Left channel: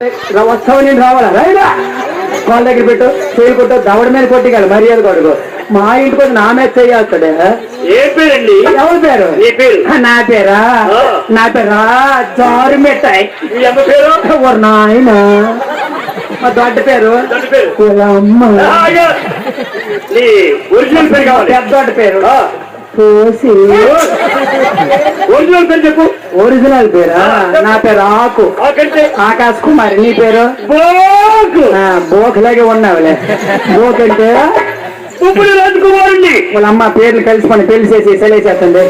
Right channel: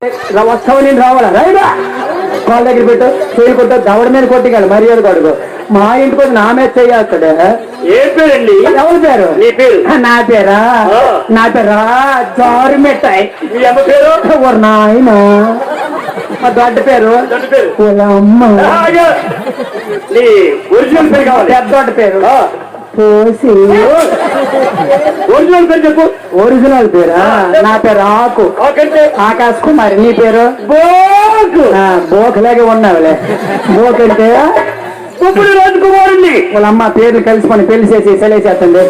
వస్తావు నేను రావాలా రైడా వాళ్ళ దగ్గర పెట్టు చేయి కొట్టు దవడ మీద కొట్టిగాలి మర్యాద కొడుకు మా ఇంటికి వచ్చి నా మీద చేయాల్సాడే. ఏం పేరండి? ఎవరి పేరు? నీ పేరు? నా పేరా జారు మిఠాయి. మీ అమ్మ పేరు? ఎవరు నాయన మా దొడ్డ పేరు అమ్మ. నీ ఒరిజినల్ పేరు కావాలి. పెద్దోడ్డ పేరు పోసి. ఒరిజినల్ పేరు చెప్పు. ఒరిజినల్ పేరా? నా పేరు ఆకు ఆకాశ్ కుమారి. నీ పేరు? బోకు. బోకులాగే ఉన్నావులే. బోక్ అంటే ఇప్పుడు రాజకుమారుణ్ణి. వాళ్ళ అమ్మ పేర్లు కలిసి మనం తెలిసేసి సెలవుచేస్తుంది.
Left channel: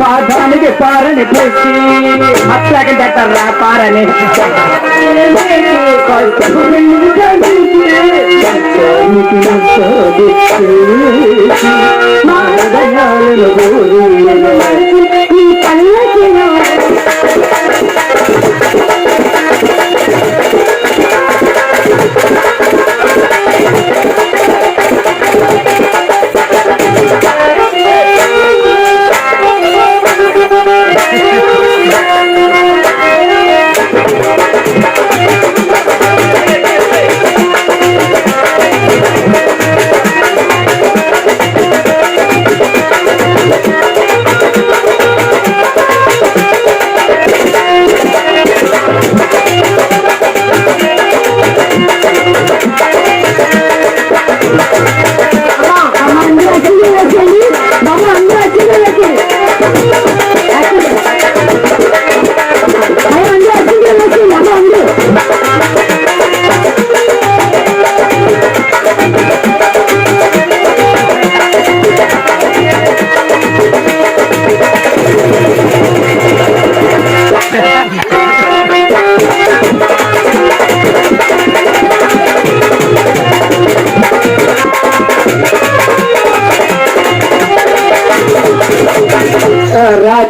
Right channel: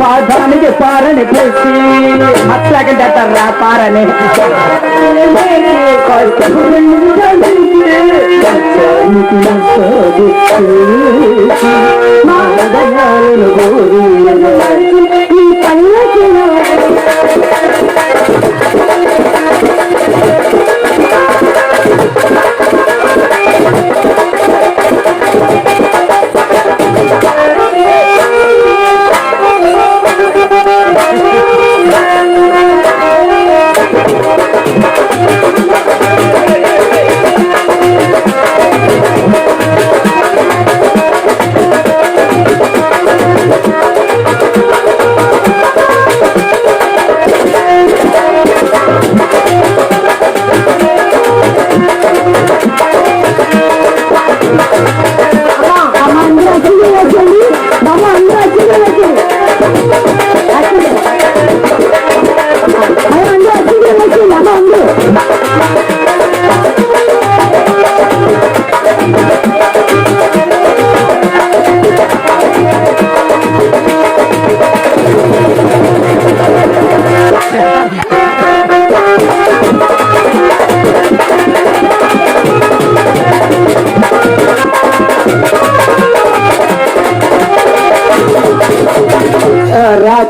పాదానికి పారని పోసి మత్తాకంటే అంటారా పారని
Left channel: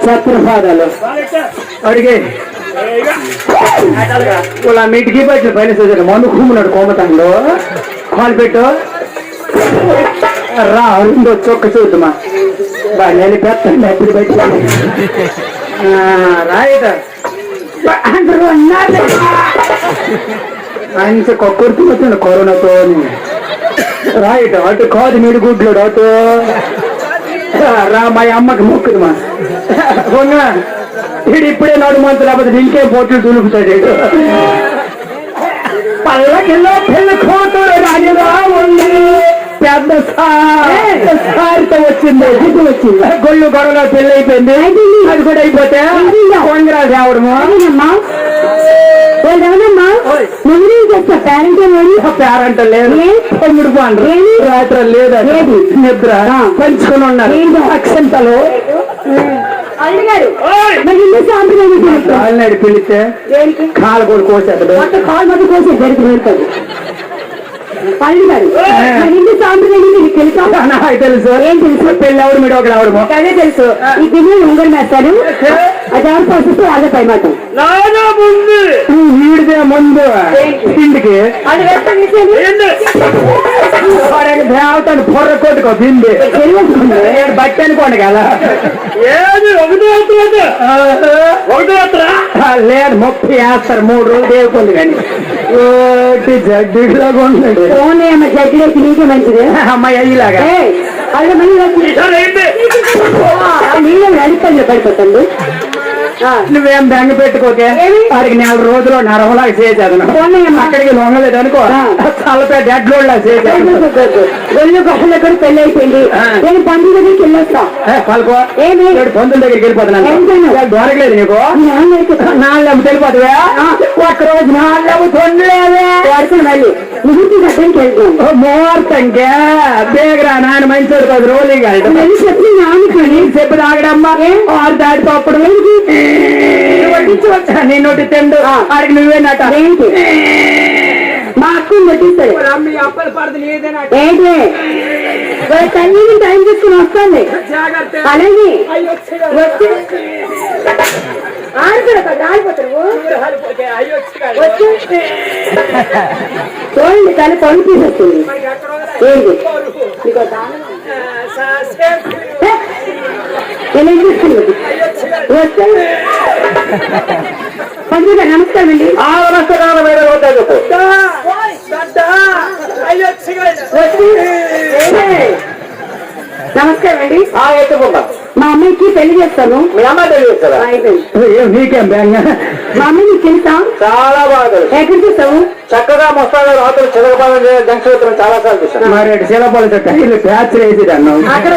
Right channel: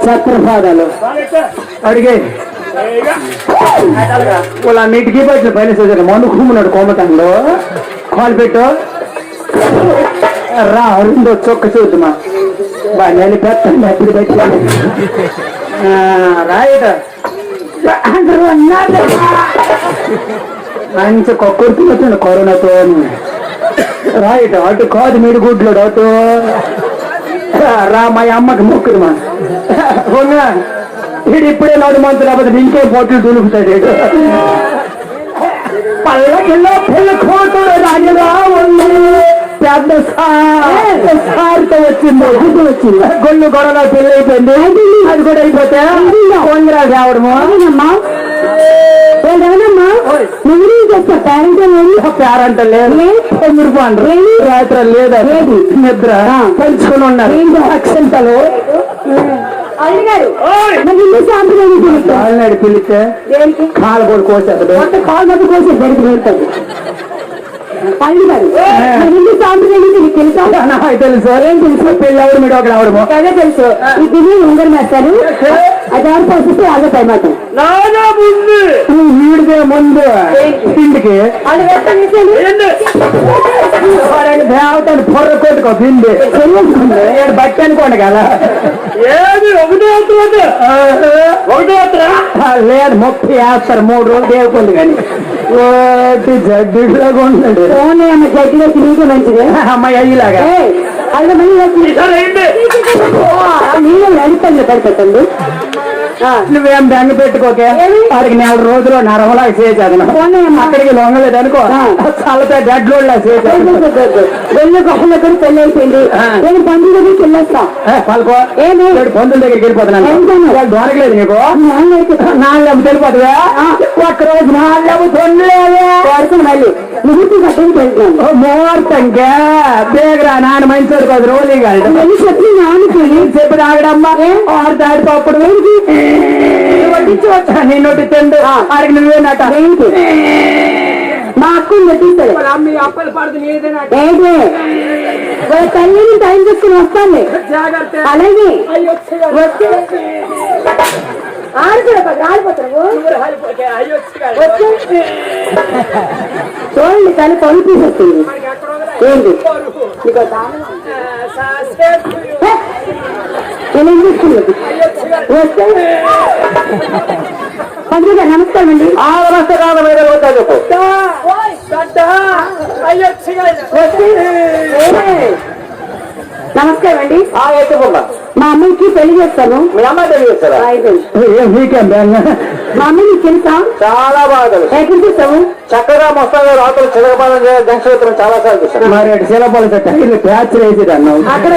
ఛత్రపాదాలు అడిగే వాళ్ళ మీటికి పట్టిన పైన చదివారు మను కుమ్మున్నాడు కోమటంలో కాలు పెట్టు రా అరుందో చొక్క చూద్దామా బా నేను పెద్ద ఎప్పుడు పెట్టాను రాయట మంచి కొక్కుడుతున్నట్టు కరోనాతో రాయట అటు కాదు మీరు గుడ్లోడు అటు రా మా అమ్మకి మొక్కుదుమా వీడు ఇప్పుడే నాడు మంతు లేకపోతే ఇంకేం పోటీ దులుపుతాడు వీడు పల్లకిలో పెళ్ళిపోతూ రానిరా ఉంది పెద్ద సారితో వచ్చింది వచ్చింది గొల్లు గొడవలో పెళ్ళి అయిపోయింది అది కూడా అయిపోతే కొంగరాలు రావడము పేరంట లేదు తొమ్మిది పండు రాత్రి లేదా నిద్ర పెంచుకుని ఉన్నారు అక్షంతలు కాలినాడు పిలిస్తే కాలు కూడా కోసేది కాలు మధ్య కోసే జరిగి వెళ్తాడు తెలుసు ఏం తెలుసు పెళ్ళి ఎవరు మీరు ఒకరు ఎవరు అదే తెలుసు ఈ బిల్లు ఉంగరం వేస్తాడు అది ఎవరు పోసిస్తే అదే పై మాట వీడిదే ముందు ఇంటికి దేవతను పొర్ర కొట్టుకో తిండి బట్టి అనుకోండి కదా లేదు 30 వేస్తారు 3 రోజులు దేవుకుంది కానీ ఓటి జడ్డిలాగా ఉన్నాడు జడ్డిలోకి నీకే మంచిది అమ్మాయి అయ్యేలాగా నీళ్ళు నడిపండి పడిపోతుంది నువ్వేం బెంగ పెట్టుకోకే వాడికి 4 రోజులు నరమలాగా చేసేదను అక్కడికి లొంగలేదు అనుకో తలపై డెడ్ లోడ్ లా చేసేది వెళ్ళి గొప్పల దగ్గర పెళ్లి అయిపోయింది నేను పండుగ దగ్గరికి వెళ్ళొస్తా కలుకో పందుల దగ్గరికి వెళ్ళిపోతున్నాను దొరకలేదు నీకు 4 వెళ్ళిపోతావా ఒక్కరోజు 4 తొందరలేదు మళ్ళీ ముహూర్తి గడ్డానికి వెళ్తున్నాను ముహూర్తంకే బేగరా నాన్న మంచి 10 రోజులు కాదు చెప్పి నాన్నకి చెప్పి తాగడమ్మా 6 దాటిపోప్పుడు నిన్నోటి తిండు ఆడికి నువ్వేనట మా అక్క పెట్టిస్తాడు మీ అప్పలు పడుతుంది ఏంటి టైం తీసుకుని వస్తాను అలాగే చూడండి తల్లి పంపిస్తుంది ఏంటి నేను ఏం చేస్తున్నది పండుగ నమస్కారం అండి నమస్కారం మీద నమస్కారం అండి ఎత్తుకుంటా మా అమ్మాయికి పెళ్లి చేస్తాను మీ అమ్మాయి తెలియస్తారా మీకేం బెంగ మా అమ్మాయి నీకు తెలుసా చాలా బాగా తెలుసు ఎక్కడ చూస్తావు చక్కగా మస్తాగా రాత్రులు చిలకపాలన జంక్షన్ చాలా సార్లు చూస్తాను మరి శిలపాలతో టైర్లు ప్యాచ్ వేసి అన్నావు అక్కడ